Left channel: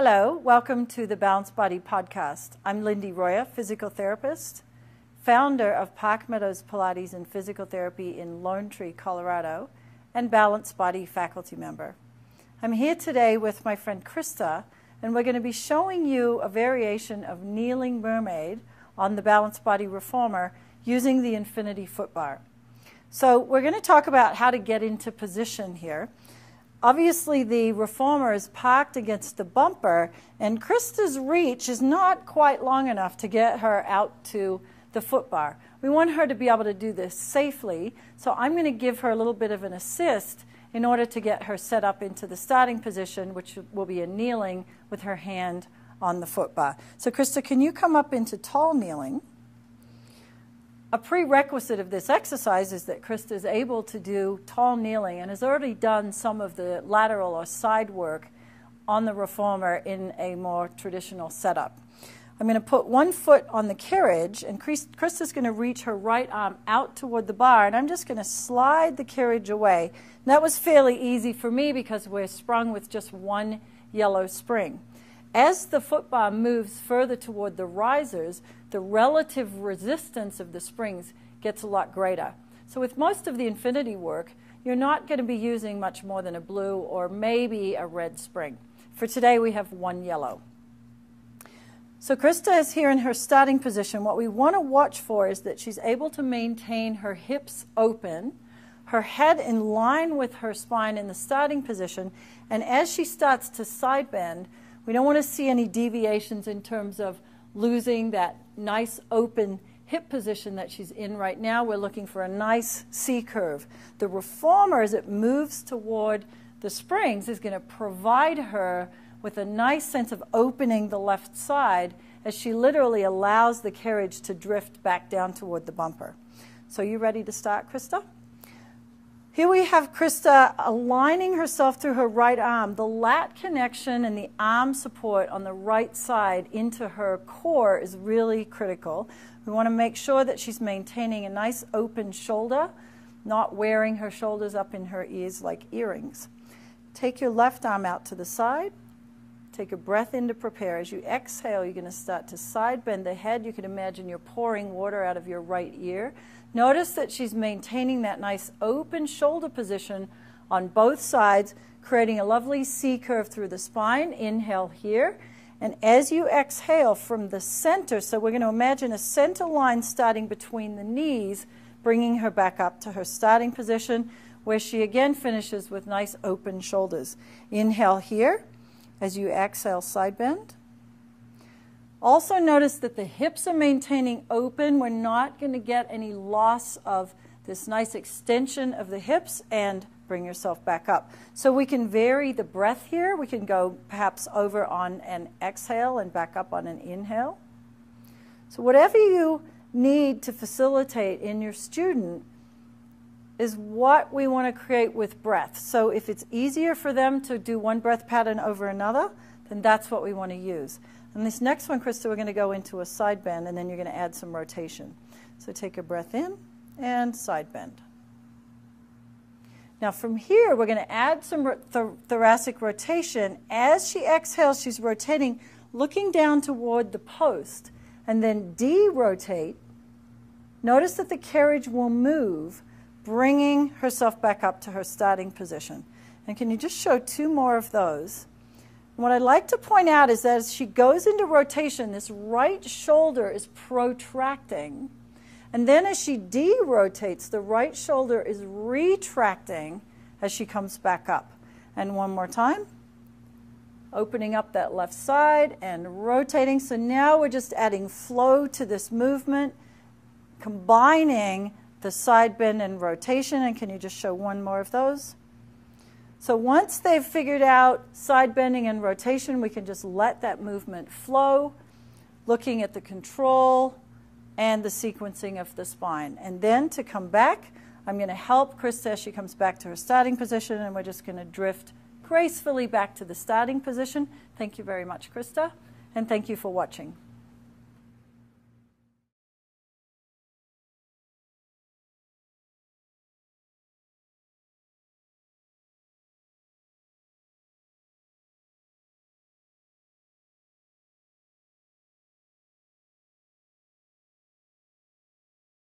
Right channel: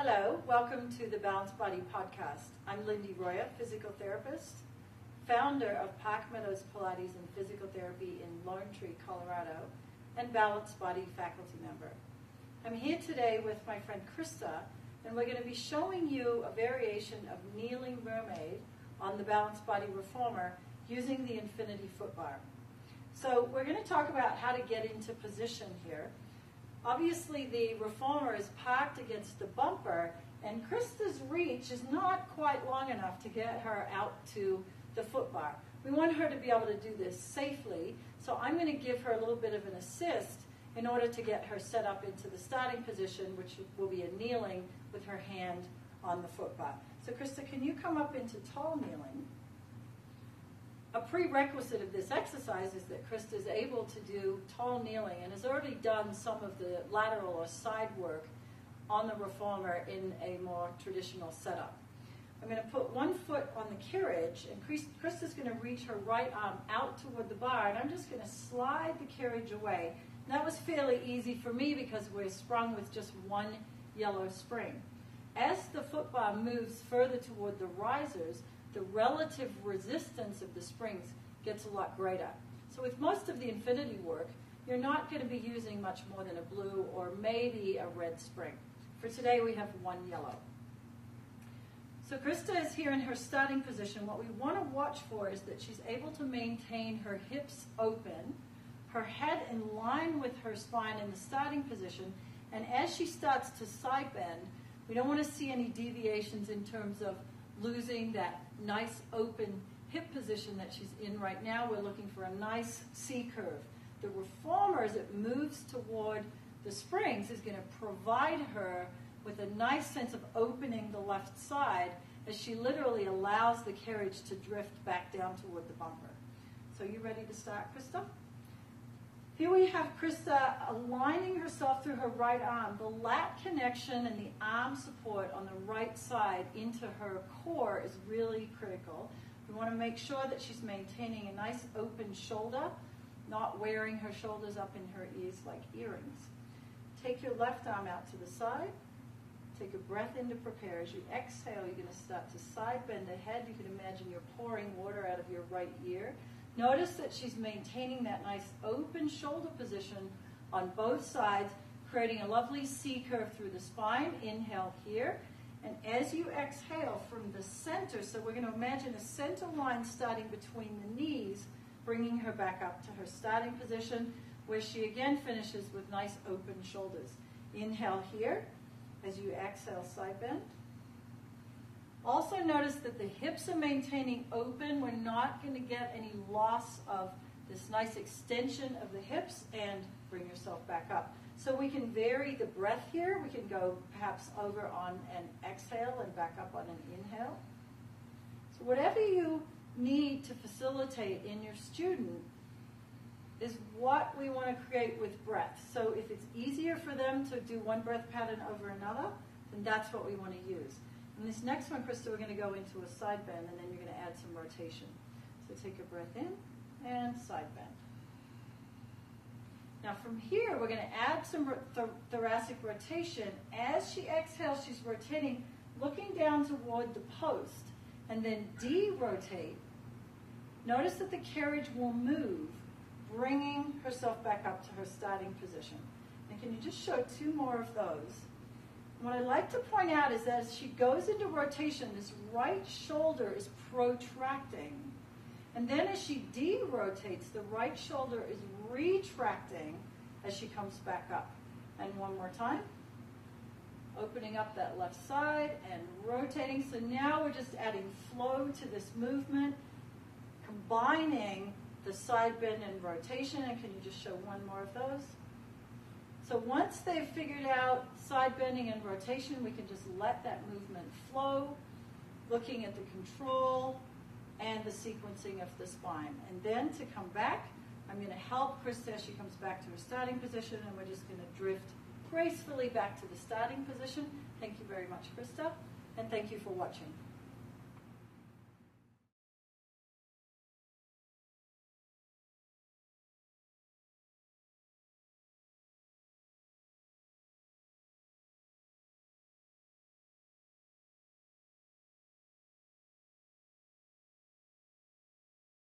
Hello, welcome to the Balanced Body Podcast. I'm Lindy Roya, physical therapist, founder of Park Meadows Pilates and Physical Therapy in Lone Tree, Colorado, and Balanced Body faculty member. I'm here today with my friend Krista, and we're going to be showing you a variation of kneeling mermaid on the Balanced Body Reformer using the Infinity foot bar. So we're going to talk about how to get into position here. Obviously, the reformer is parked against the bumper, and Krista's reach is not quite long enough to get her out to the foot bar. We want her to be able to do this safely, so I'm going to give her a little bit of an assist in order to get her set up into the starting position, which will be a kneeling with her hand on the foot bar. So Krista, can you come up into tall kneeling? A prerequisite of this exercise is that Krista is able to do tall kneeling and has already done some of the lateral or side work on the reformer in a more traditional setup. I'm going to put one foot on the carriage, and Krista's going to reach her right arm out toward the bar, and I'm just going to slide the carriage away. And that was fairly easy for me because we're sprung with just one yellow spring. As the foot bar moves further toward the risers, the relative resistance of the springs gets a lot greater. So with most of the Infinity work, you're not going to be using much more than a blue or maybe a red spring. For today, we have one yellow. So Krista is here in her starting position. What we want to watch for is that she's able to maintain her hips open, her head in line with her spine in the starting position, and as she starts to side bend, we don't want to see any deviations in terms of losing that nice open hip position that she's in right now. We're looking for a nice C curve. The reformer, as it moves toward the springs, is going to provide her with a nice sense of opening the left side as she literally allows the carriage to drift back down toward the bumper. So you ready to start, Krista? Here we have Krista aligning herself through her right arm. The lat connection and the arm support on the right side into her core is really critical. We want to make sure that she's maintaining a nice open shoulder, not wearing her shoulders up in her ears like earrings. Take your left arm out to the side. Take a breath in to prepare. As you exhale, you're going to start to side bend the head. You can imagine you're pouring water out of your right ear. Notice that she's maintaining that nice open shoulder position on both sides, creating a lovely C curve through the spine. Inhale here. And as you exhale from the center, so we're going to imagine a center line starting between the knees, bringing her back up to her starting position, where she again finishes with nice open shoulders. Inhale here. As you exhale, side bend. Also notice that the hips are maintaining open. We're not going to get any loss of this nice extension of the hips, and bring yourself back up. So we can vary the breath here. We can go perhaps over on an exhale and back up on an inhale. So whatever you need to facilitate in your student is what we want to create with breath. So if it's easier for them to do one breath pattern over another, then that's what we want to use. And this next one, Krista, we're going to go into a side bend, and then you're going to add some rotation. So take a breath in and side bend. Now from here, we're going to add some thoracic rotation. As she exhales, she's rotating, looking down toward the post, and then de-rotate. Notice that the carriage will move, bringing herself back up to her starting position. And can you just show two more of those? What I'd like to point out is that as she goes into rotation, this right shoulder is protracting. And then as she de-rotates, the right shoulder is retracting as she comes back up. And one more time. Opening up that left side and rotating. So now we're just adding flow to this movement, combining the side bend and rotation. And can you just show one more of those? So once they've figured out side bending and rotation, we can just let that movement flow, looking at the control and the sequencing of the spine. And then to come back, I'm going to help Krista as she comes back to her starting position, and we're just going to drift gracefully back to the starting position. Thank you very much, Krista, and thank you for watching.